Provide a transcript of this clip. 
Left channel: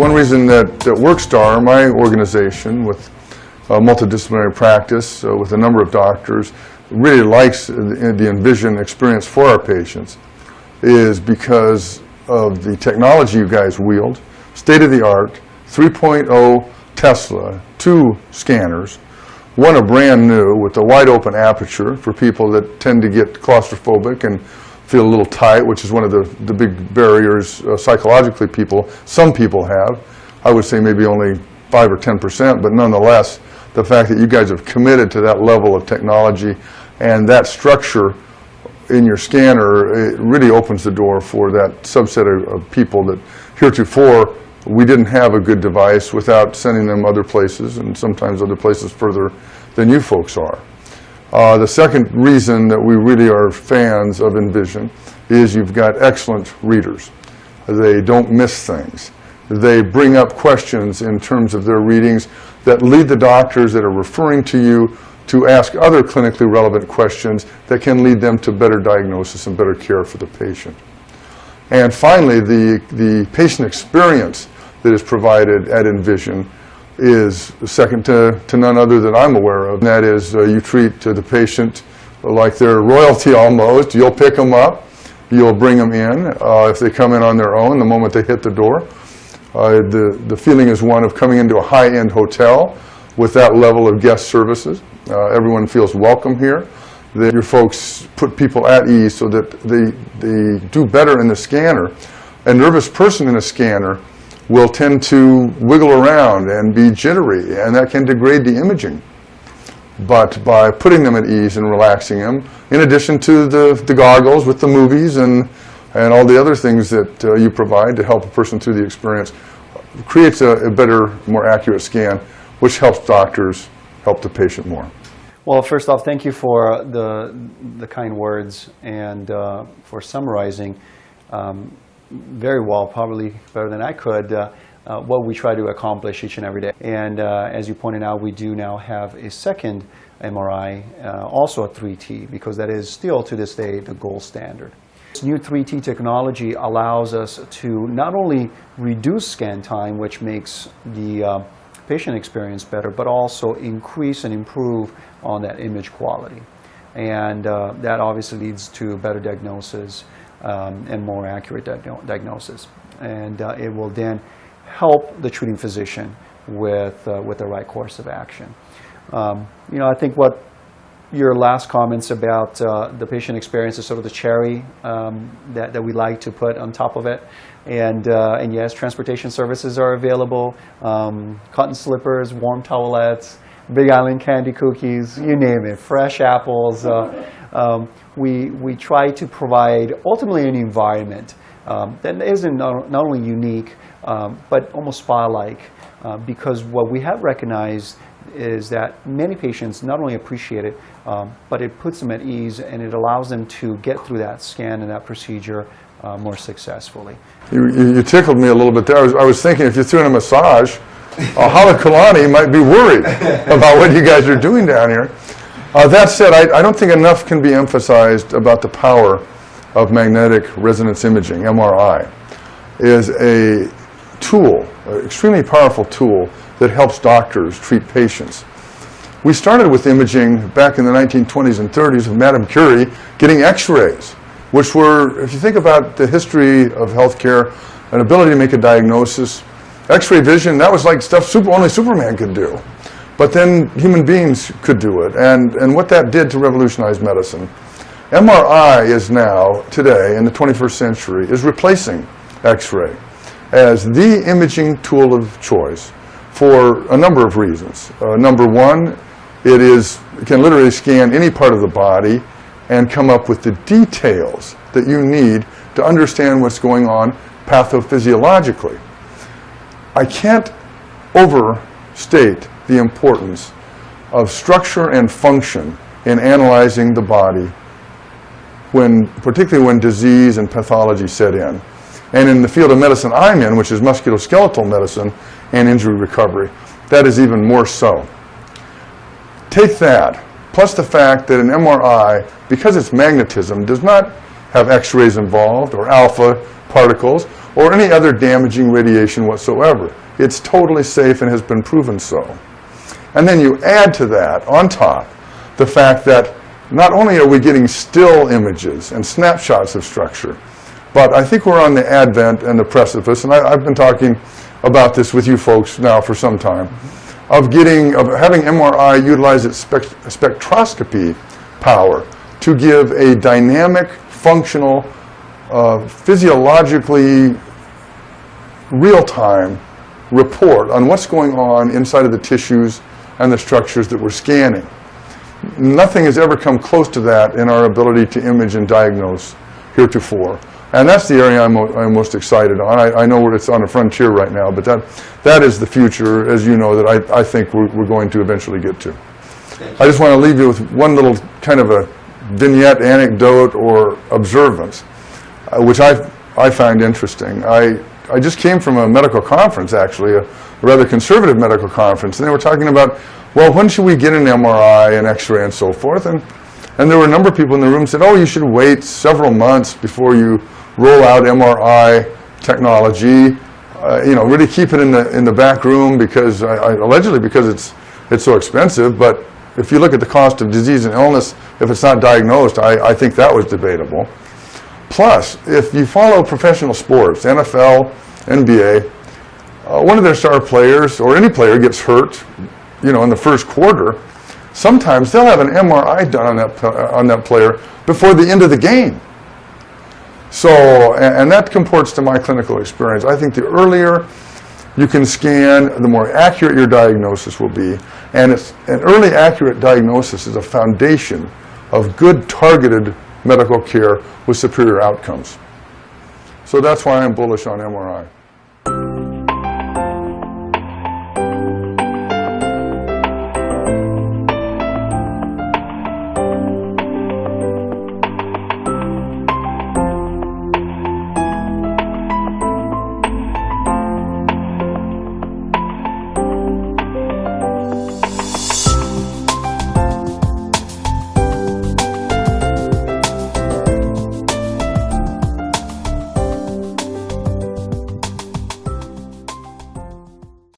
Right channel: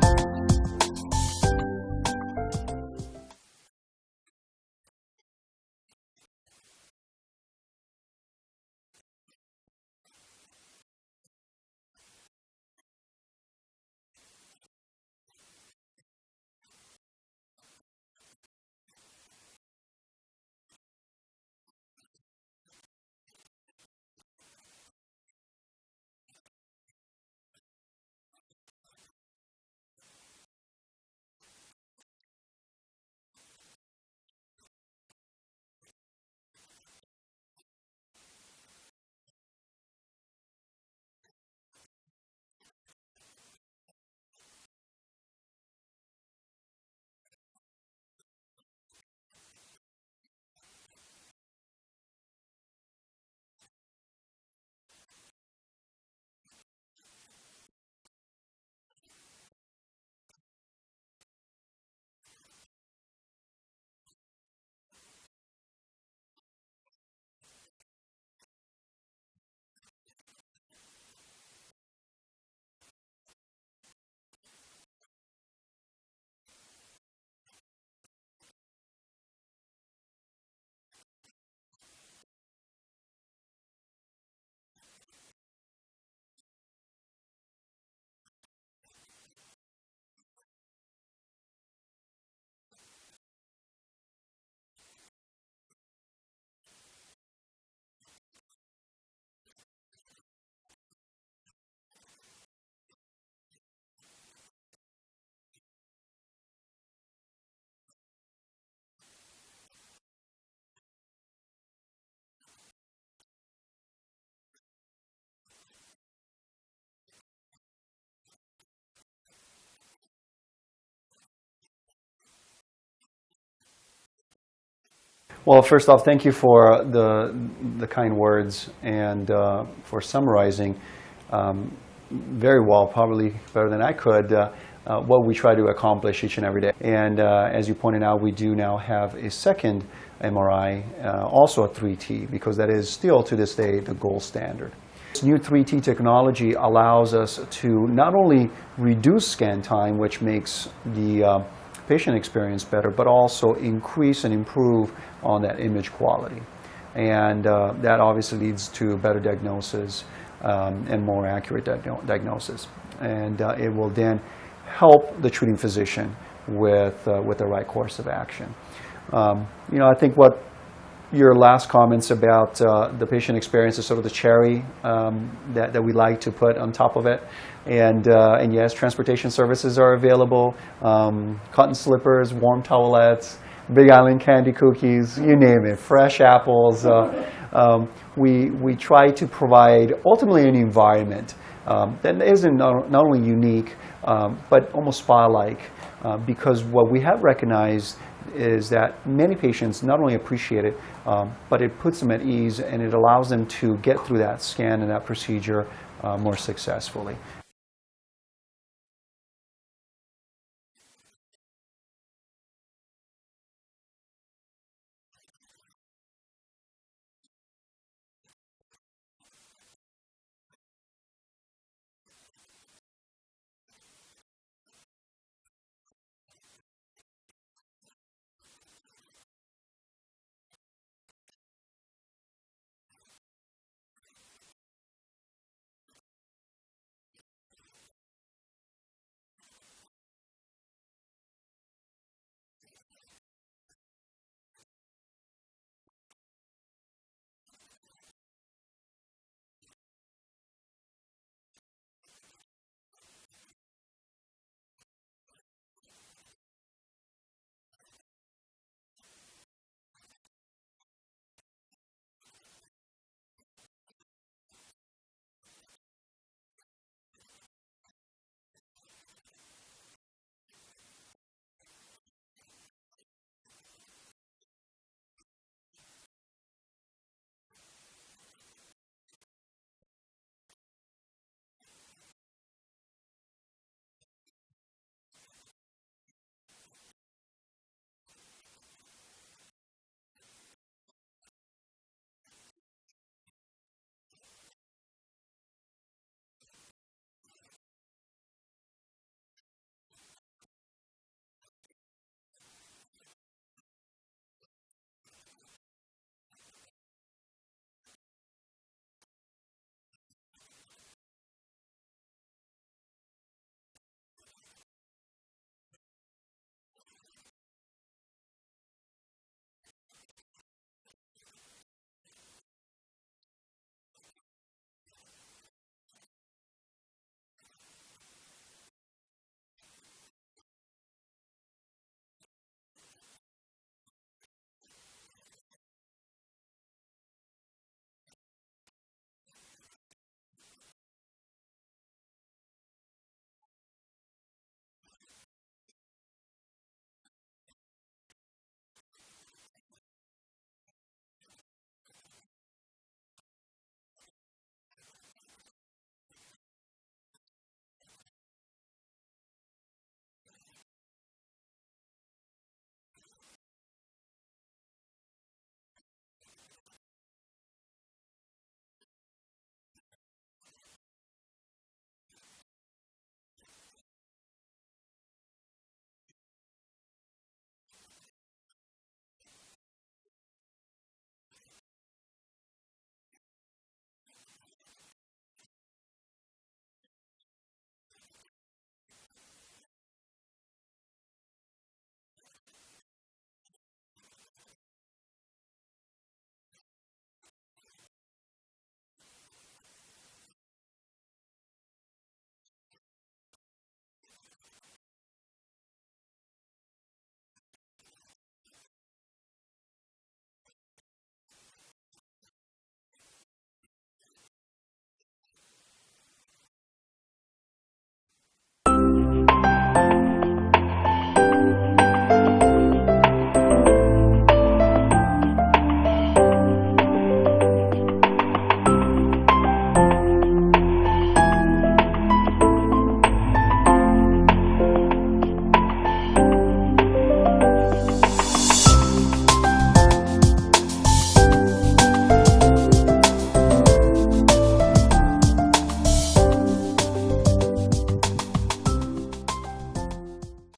One reason that WorkStar, my organization with multidisciplinary practice with a number of doctors, really likes the InVision experience for our patients is because of the technology you guys wield, state-of-the-art, 3.0 Tesla, 2 scanners, one a brand new with a wide open aperture for people that tend to get claustrophobic and feel a little tight, which is one of the big barriers psychologically some people have. I would say maybe only 5 or 10%, but nonetheless, the fact that you guys have committed to that level of technology and that structure in your scanner, it really opens the door for that subset of people that heretofore we didn't have a good device without sending them other places, and sometimes other places further than you folks are. The second reason that we really are fans of InVision is you've got excellent readers. They don't miss things. They bring up questions in terms of their readings that lead the doctors that are referring to you to ask other clinically relevant questions that can lead them to better diagnosis and better care for the patient. And finally, the patient experience that is provided at InVision is second to none other than I'm aware of. And that is you treat the patient like they're royalty almost. You'll pick them up. You'll bring them in. If they come in on their own, the moment they hit the door, the feeling is one of coming into a high-end hotel with that level of guest services. Everyone feels welcome here. That your folks put people at ease so that they do better in the scanner. A nervous person in a scanner will tend to wiggle around and be jittery, and that can degrade the imaging. But by putting them at ease and relaxing them, in addition to the goggles with the movies and all the other things that you provide to help a person through the experience, creates a better, more accurate scan, which helps doctors help the patient more. Well, first off, thank you for the kind words and for summarizing very well, probably better than I could, what we try to accomplish each and every day. And as you pointed out, we do now have a second MRI, also a 3T, because that is still to this day the gold standard. This new 3T technology allows us to not only reduce scan time, which makes the patient experience better, but also increase and improve on that image quality. And that obviously leads to better diagnosis and more accurate diagnosis. And it will then help the treating physician with the right course of action. I think what your last comments about the patient experience is sort of the cherry that we like to put on top of it. And yes, transportation services are available, cotton slippers, warm towelettes, Big Island candy cookies, you name it, fresh apples. We try to provide ultimately an environment that isn't not only unique, but almost spa-like, because what we have recognized is that many patients not only appreciate it, but it puts them at ease and it allows them to get through that scan and that procedure more successfully. You tickled me a little bit there. I was thinking if you threw in a massage, Kalani might be worried about what you guys are doing down here. That said, I don't think enough can be emphasized about the power of magnetic resonance imaging, MRI. Is a tool, an extremely powerful tool that helps doctors treat patients. We started with imaging back in the 1920s and 30s with Madame Curie getting x-rays, which were, if you think about the history of healthcare, an ability to make a diagnosis, x-ray vision, that was like stuff only Superman could do. But then human beings could do it, and what that did to revolutionize medicine. MRI is now, today, in the 21st century, is replacing x-ray as the imaging tool of choice for a number of reasons. Number one, it can literally scan any part of the body and come up with the details that you need to understand what's going on pathophysiologically. I can't overstate the importance of structure and function in analyzing the body, particularly when disease and pathology set in. And in the field of medicine I'm in, which is musculoskeletal medicine and injury recovery, that is even more so. Take that, plus the fact that an MRI, because it's magnetism, does not have X-rays involved or alpha particles or any other damaging radiation whatsoever. It's totally safe and has been proven so. And then you add to that, on top, the fact that not only are we getting still images and snapshots of structure, but I think we're on the advent and the precipice, and I've been talking about this with you folks now for some time, of having MRI utilize its spectroscopy power to give a dynamic, functional, physiologically real-time report on what's going on inside of the tissues and the structures that we're scanning. Nothing has ever come close to that in our ability to image and diagnose heretofore. And that's the area I'm most excited on. I know it's on a frontier right now, but that is the future, as you know, that I think we're going to eventually get to. I just want to leave you with one little kind of a vignette, anecdote, or observance, which I find interesting. I just came from a medical conference, actually, a rather conservative medical conference, and they were talking about, well, when should we get an MRI and X-ray and so forth? And there were a number of people in the room who said, oh, you should wait several months before you roll out MRI technology. Really keep it in the back room because allegedly because it's so expensive. But if you look at the cost of disease and illness, if it's not diagnosed, I think that was debatable. Plus, if you follow professional sports, NFL, NBA, one of their star players or any player gets hurt, in the first quarter, sometimes they'll have an MRI done on that player before the end of the game. So, and that comports to my clinical experience. I think the earlier you can scan, the more accurate your diagnosis will be. And an early accurate diagnosis is a foundation of good targeted medical care with superior outcomes. So that's why I'm bullish on MRI.